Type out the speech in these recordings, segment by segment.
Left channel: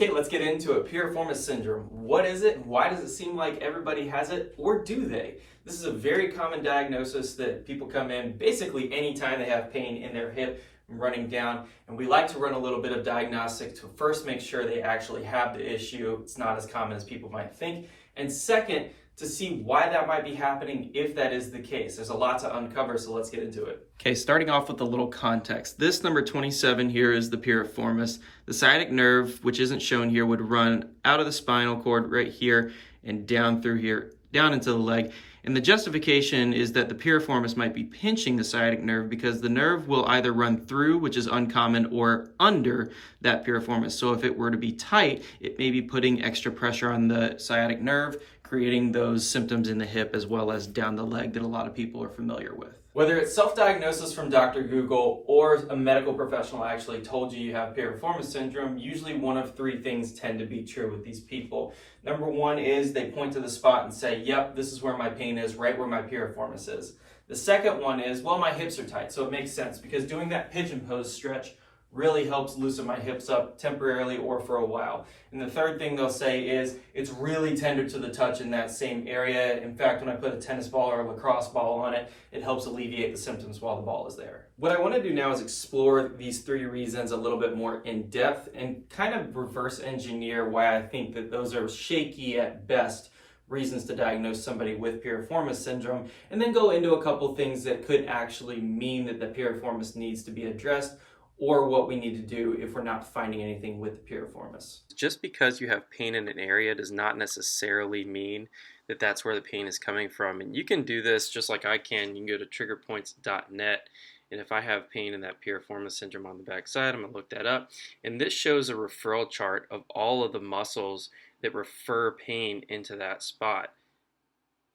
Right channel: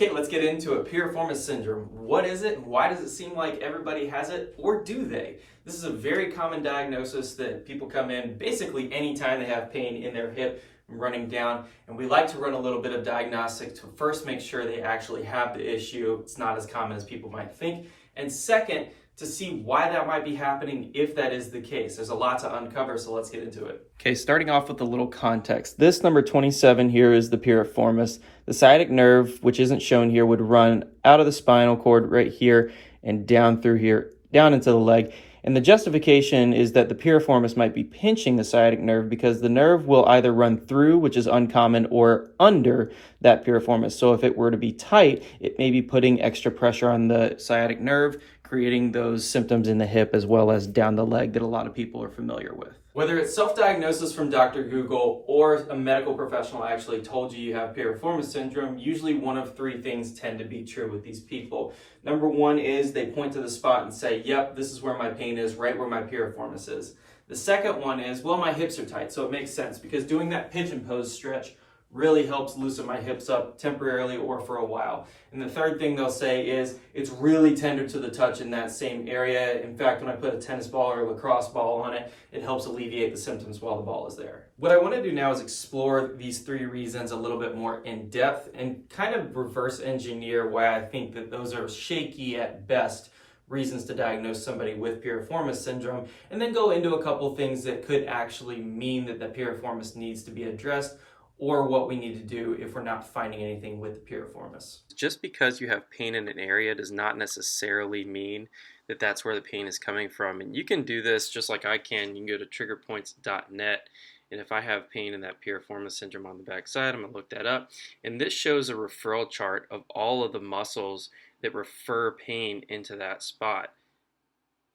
Okay, let's get into it. Piriformis syndrome. What is it? Why does it seem like everybody has it, or do they? This is a very common diagnosis that people come in basically anytime they have pain in their hip running down, and we like to run a little bit of diagnostics to first make sure they actually have the issue. It's not as common as people might think. And second, to see why that might be happening if that is the case. There's a lot to uncover, so let's get into it. Okay, starting off with a little context. This number 27 here is the piriformis. The sciatic nerve, which isn't shown here, would run out of the spinal cord right here and down through here, down into the leg. And the justification is that the piriformis might be pinching the sciatic nerve because the nerve will either run through, which is uncommon, or under that piriformis. So if it were to be tight, it may be putting extra pressure on the sciatic nerve, creating those symptoms in the hip as well as down the leg that a lot of people are familiar with. Whether it's self-diagnosis from Dr. Google or a medical professional actually told you have piriformis syndrome, usually one of three things tend to be true with these people. Number one is they point to the spot and say, yep, this is where my pain is, right where my piriformis is. The second one is, well, my hips are tight, so it makes sense because doing that pigeon pose stretch really helps loosen my hips up temporarily or for a while. And the third thing they'll say is it's really tender to the touch in that same area. In fact, when I put a tennis ball or a lacrosse ball on it, it helps alleviate the symptoms while the ball is there. What I want to do now is explore these three reasons a little bit more in depth and kind of reverse engineer why I think that those are shaky at best reasons to diagnose somebody with piriformis syndrome, and then go into a couple things that could actually mean that the piriformis needs to be addressed, or what we need to do if we're not finding anything with the piriformis. Just because you have pain in an area does not necessarily mean that that's where the pain is coming from. And you can do this just like I can. You can go to triggerpoints.net, and if I have pain in that piriformis syndrome on the back side, I'm going to look that up. And this shows a referral chart of all of the muscles that refer pain into that spot.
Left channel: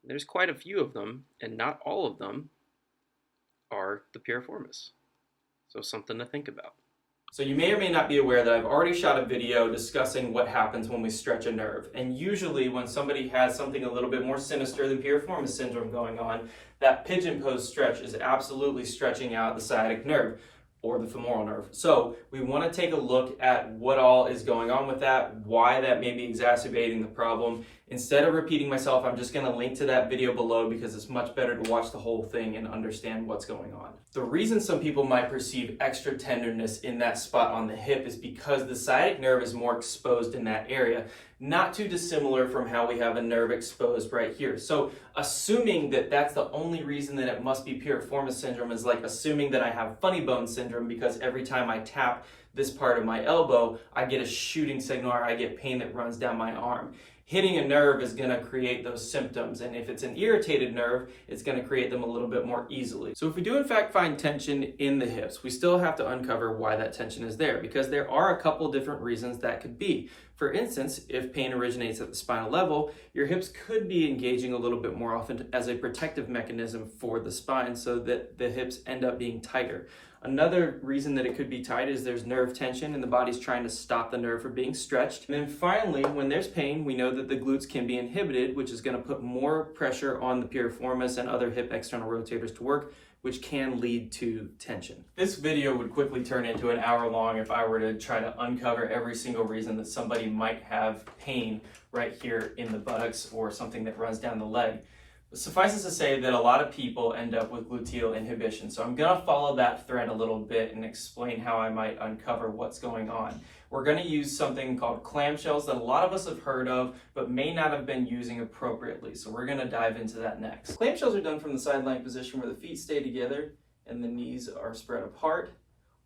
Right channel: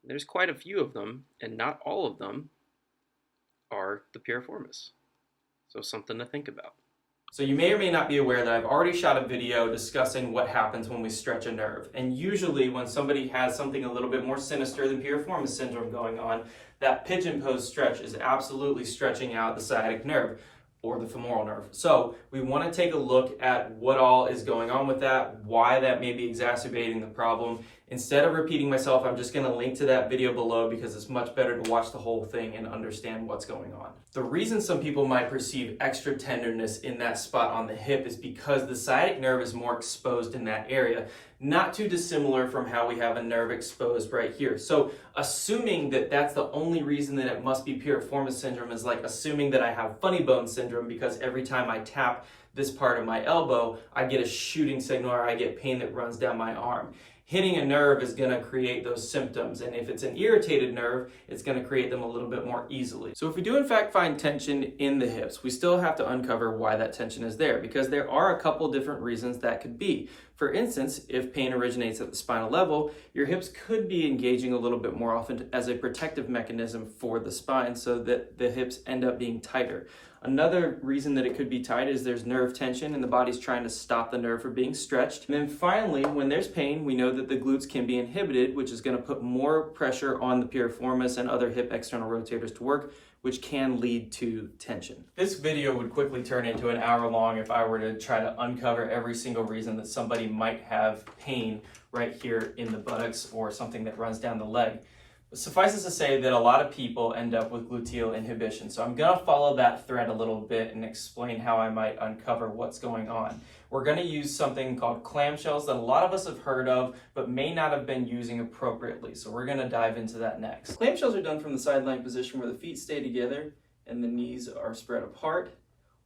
There's quite a few of them, and not all of them are the piriformis. So something to think about. So you may or may not be aware that I've already shot a video discussing what happens when we stretch a nerve. And usually when somebody has something a little bit more sinister than piriformis syndrome going on, that pigeon pose stretch is absolutely stretching out the sciatic nerve or the femoral nerve. So we want to take a look at what all is going on with that, why that may be exacerbating the problem. Instead of repeating myself, I'm just going to link to that video below because it's much better to watch the whole thing and understand what's going on. The reason some people might perceive extra tenderness in that spot on the hip is because the sciatic nerve is more exposed in that area, not too dissimilar from how we have a nerve exposed right here. So assuming that that's the only reason that it must be piriformis syndrome is like assuming that I have funny bone syndrome because every time I tap this part of my elbow, I get a shooting signal or I get pain that runs down my arm. Hitting a nerve is going to create those symptoms, and if it's an irritated nerve, it's going to create them a little bit more easily. So if we do in fact find tension in the hips, we still have to uncover why that tension is there, because there are a couple different reasons that could be. For instance, if pain originates at the spinal level, your hips could be engaging a little bit more often as a protective mechanism for the spine so that the hips end up being tighter. Another reason that it could be tight is there's nerve tension and the body's trying to stop the nerve from being stretched. And then finally, when there's pain, we know that the glutes can be inhibited, which is going to put more pressure on the piriformis and other hip external rotators to work, which can lead to tension. This video would quickly turn into an hour long if I were to try to uncover every single reason that somebody might have pain right here in the buttocks or something that runs down the leg. But suffice it to say that a lot of people end up with gluteal inhibition. So I'm going to follow that thread a little bit and explain how I might uncover what's going on. We're going to use something called clamshells that a lot of us have heard of, but may not have been using appropriately. So we're going to dive into that next. Clamshells are done from the side lying position where the feet stay together and the knees are spread apart.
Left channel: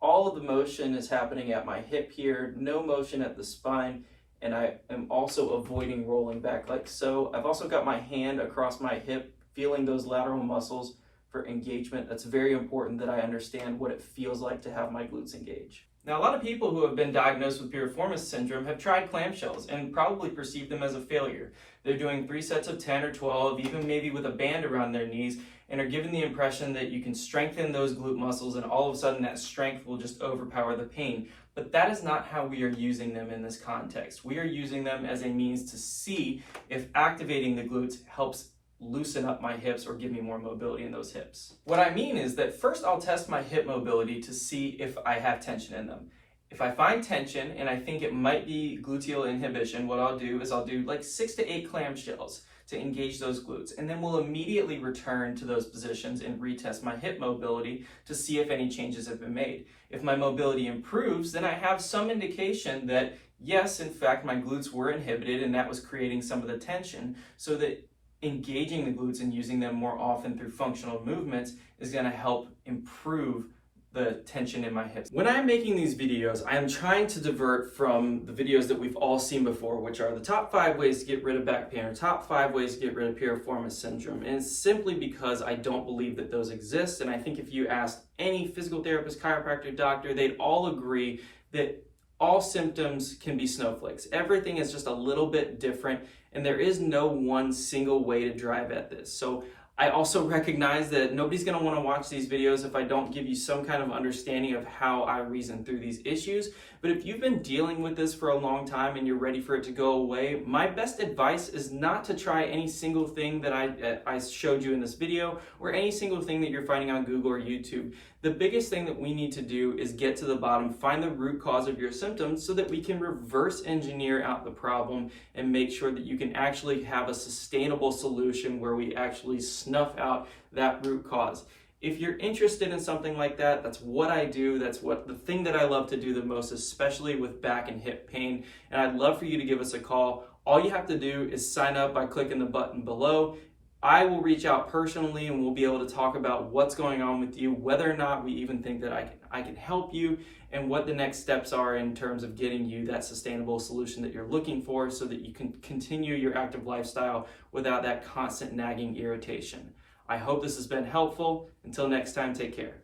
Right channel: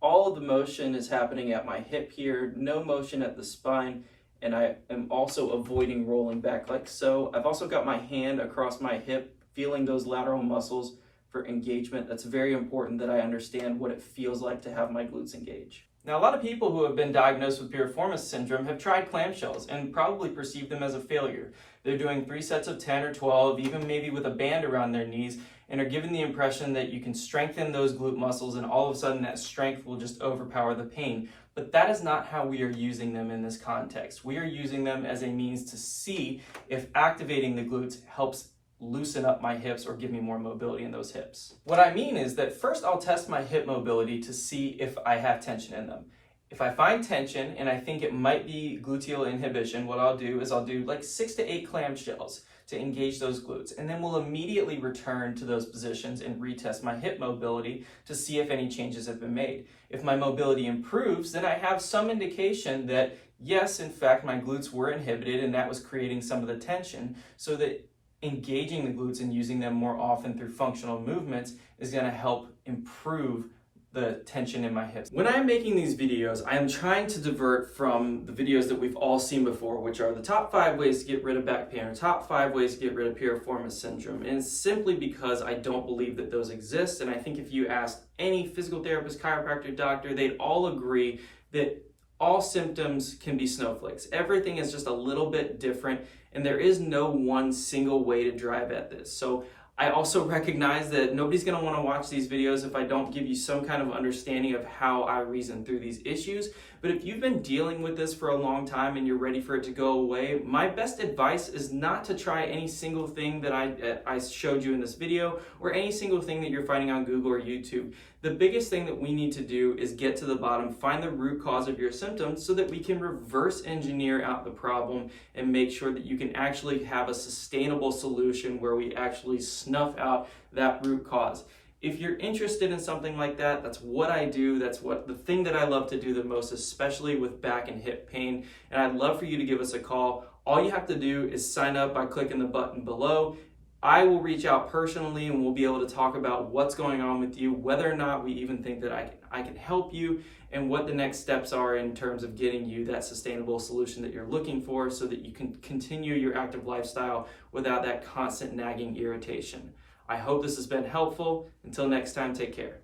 All of the motion is happening at my hip here, no motion at the spine. And I am also avoiding rolling back like so. I've also got my hand across my hip, feeling those lateral muscles for engagement. That's very important that I understand what it feels like to have my glutes engage. Now, a lot of people who have been diagnosed with piriformis syndrome have tried clamshells and probably perceived them as a failure. They're doing 3 sets of 10 or 12, even maybe with a band around their knees, and are given the impression that you can strengthen those glute muscles and all of a sudden that strength will just overpower the pain. But that is not how we are using them in this context. We are using them as a means to see if activating the glutes helps loosen up my hips or give me more mobility in those hips. What I mean is that first I'll test my hip mobility to see if I have tension in them. If I find tension and I think it might be gluteal inhibition, what I'll do is I'll do like 6 to 8 clamshells to engage those glutes. And then we'll immediately return to those positions and retest my hip mobility to see if any changes have been made. If my mobility improves, then I have some indication that yes, in fact, my glutes were inhibited and that was creating some of the tension, so that engaging the glutes and using them more often through functional movements is going to help improve the tension in my hips. When I'm making these videos, I am trying to divert from the videos that we've all seen before, which are the top 5 ways to get rid of back pain or top 5 ways to get rid of piriformis syndrome. And it's simply because I don't believe that those exist. And I think if you asked any physical therapist, chiropractor, doctor, they'd all agree that all symptoms can be snowflakes. Everything is just a little bit different, and there is no one single way to drive at this. So I also recognize that nobody's going to want to watch these videos if I don't give you some kind of understanding of how I reason through these issues. But if you've been dealing with this for a long time and you're ready for it to go away, my best advice is not to try any single thing that I showed you in this video or any single thing that you're finding on Google or YouTube. The biggest thing that we need to do is get to the bottom, find the root cause of your symptoms so that we can reverse engineer out the problem and make sure that you can actually have a sustainable solution where we actually snuff out that root cause. If you're interested in something like that, that's what I do. That's the thing that I love to do the most, especially with back and hip pain. And I'd love for you to give us a call. All you have to do is sign up by clicking the button below. I will reach out personally and we'll be able to talk about what's going on with you, whether or not we even think that I can help you, and what the next steps are in terms of getting you that sustainable solution that you're looking for so that you can continue your active lifestyle without that constant nagging irritation. I hope this has been helpful. Until next time, take care.